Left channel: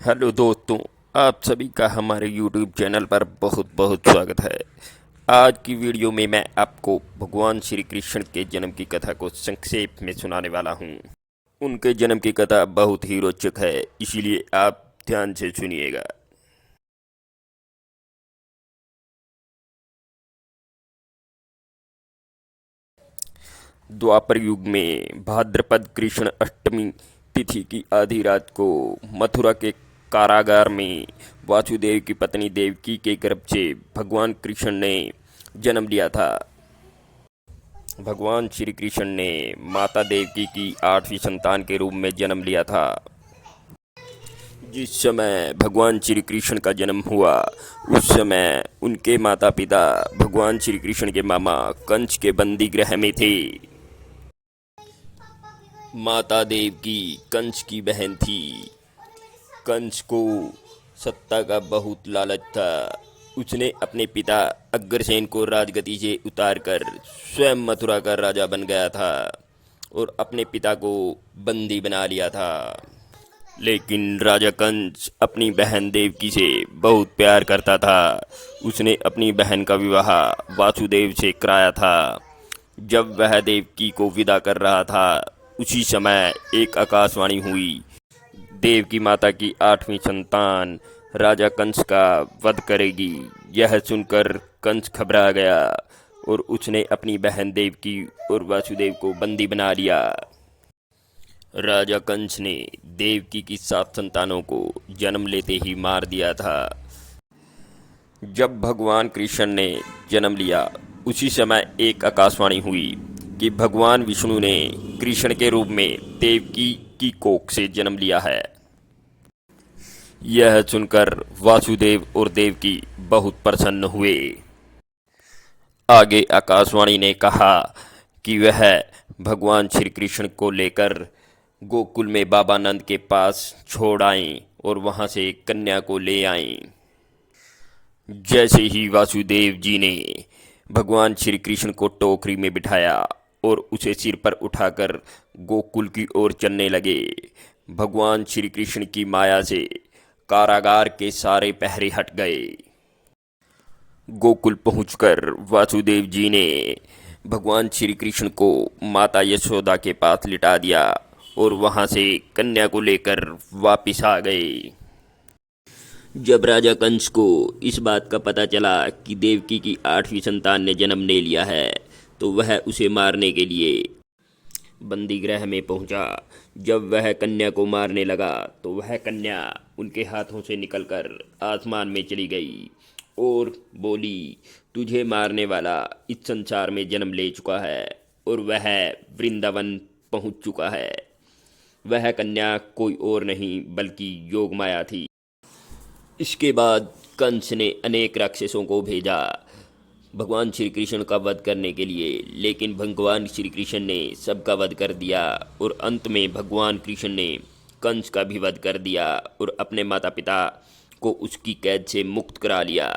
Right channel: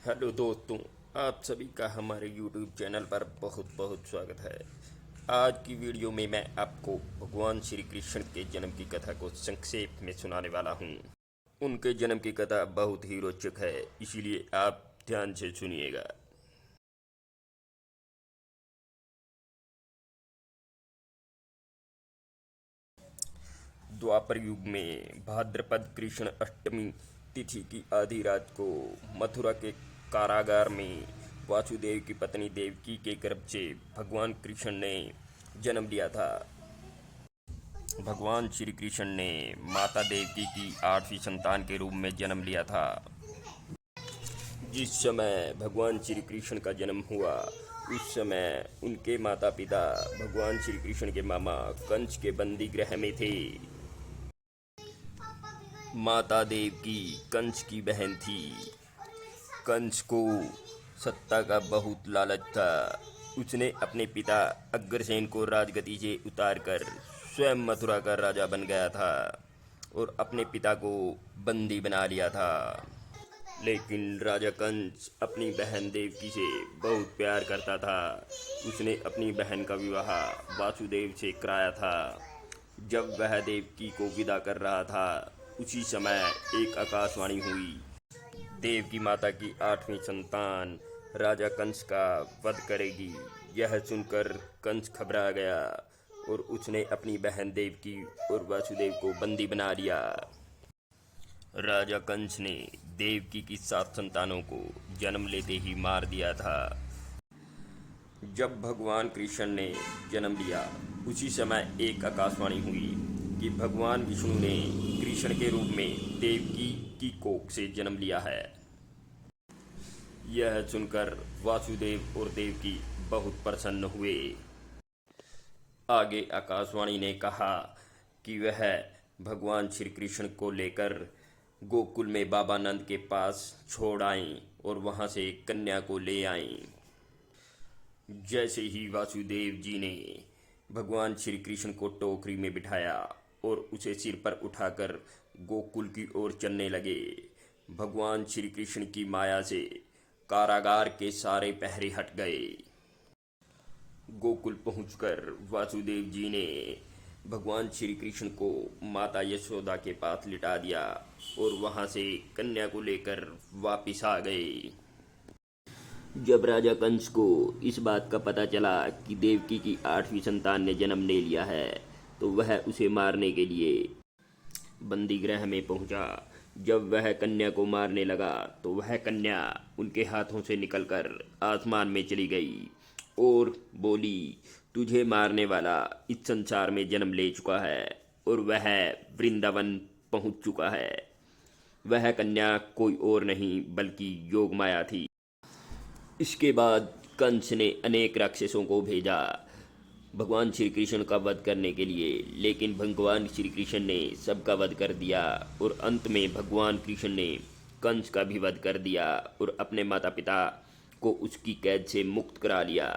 Hello दोस्तों, आप सभी का हमारे YouTube चैनल पर बहुत बहुत स्वागत है। आज की वीडियो में मैं आपको भगवान श्री कृष्ण के जन्म की कथा को संक्षेप में सुनाने वाला हूँ। उनके जन्म की कथा बहुत ही रोचक है, इसीलिए आप ध्यान से सुनिएगा। द्वापर युग में भाद्रपद कृष्ण अष्टमी तिथि की आधी रात को मथुरा के कारागार में वासुदेव की पत्नी देवकी के गर्भ से भगवान कृष्ण ने जन्म लिया था। भगवान श्री कृष्ण ने माता देवकी की आठवीं संतान के रूप में जन्म लिया था। जिस समय भगवान श्री कृष्ण का जन्म हुआ उस समय उनके माता पिता भगवान श्री कृष्ण के मामा कंस के बंदी गृह में थे। माता देवकी कंस की बहन थी। कंस को सत्ता का बहुत लालच था। उसने अपने पिता अग्रसेन को राजगद्दी से उतारकर स्वयं मथुरा का राजा बन गया था और अपने पिता को बंदी बना लिया था। लेकिन राजा कंस अपनी बहन देवकी से बहुत प्यार करता था। उसने अपनी बहन का विवाह वासुदेव से कराया था। जब वह देवकी को विदा कर रहा था उसी समय एक आकाशवाणी हुई। देव की माता की आठवीं संतान राजा कंस का वध करेगी। यह सुनकर कंस घबरा गया और उसने अपनी बहन देवकी और वासुदेव को बंदी बना लिया। राजा कंस ने देवकी की 7 संतानों को जन्म लेते ही मार दिया था। जब भगवान कृष्ण ने जन्म लिया उसी समय एक आकाशवाणी हुई कि भगवान विष्णु ने कृष्ण के रूप में देवकी की कोख से जन्म लिया है। यह सुनकर वासुदेव और देवकी बहुत प्रसन्न हुए। आगे आकाशवाणी ने कहा कि वह भगवान श्री कृष्ण को लेकर गोकुल में बाबा नंद के पास छोड़ आएं और वहां से कन्या को ले आएं। जैसे ही वासुदेव जी ने भगवान श्री कृष्ण को टोकरी में बिठाया और उसे सिर पर उठाकर गोकुल की ओर चलने लगे, भगवान श्री कृष्ण की माया से कारागार के सारे पहरे हट गए। गोकुल पहुंचकर वासुदेव जी ने भगवान श्री कृष्ण को माता यशोदा के पास लिटा दिया और वहां से कन्या को लेकर वापिस आ गए। जब राजा कंस को इस बात का पता चला कि देवकी की 8वीं संतान ने जन्म ले लिया है तो वह उसे मारने के लिए बंदी गृह में पहुंचा। जब वह कन्या को मारने लगा तो वह कन्या उनके हाथों से निकलकर आसमान में चली गई और बोली, तुझे मारने वाला इस संसार में जन्म ले चुका है और वह वृंदावन पहुंच चुका है। वह कन्या कोई और नहीं बल्कि योगमाया थी। इसके बाद कंस ने अनेक राक्षसों को भेजा भगवान श्री कृष्ण का वध करने के लिए, लेकिन भगवान श्री कृष्ण ने सबका वध कर दिया और अंत में भगवान कृष्ण ने कंस का भी वध कर दिया और अपने माता पिता को उसकी कैद से मुक्त करा लिया।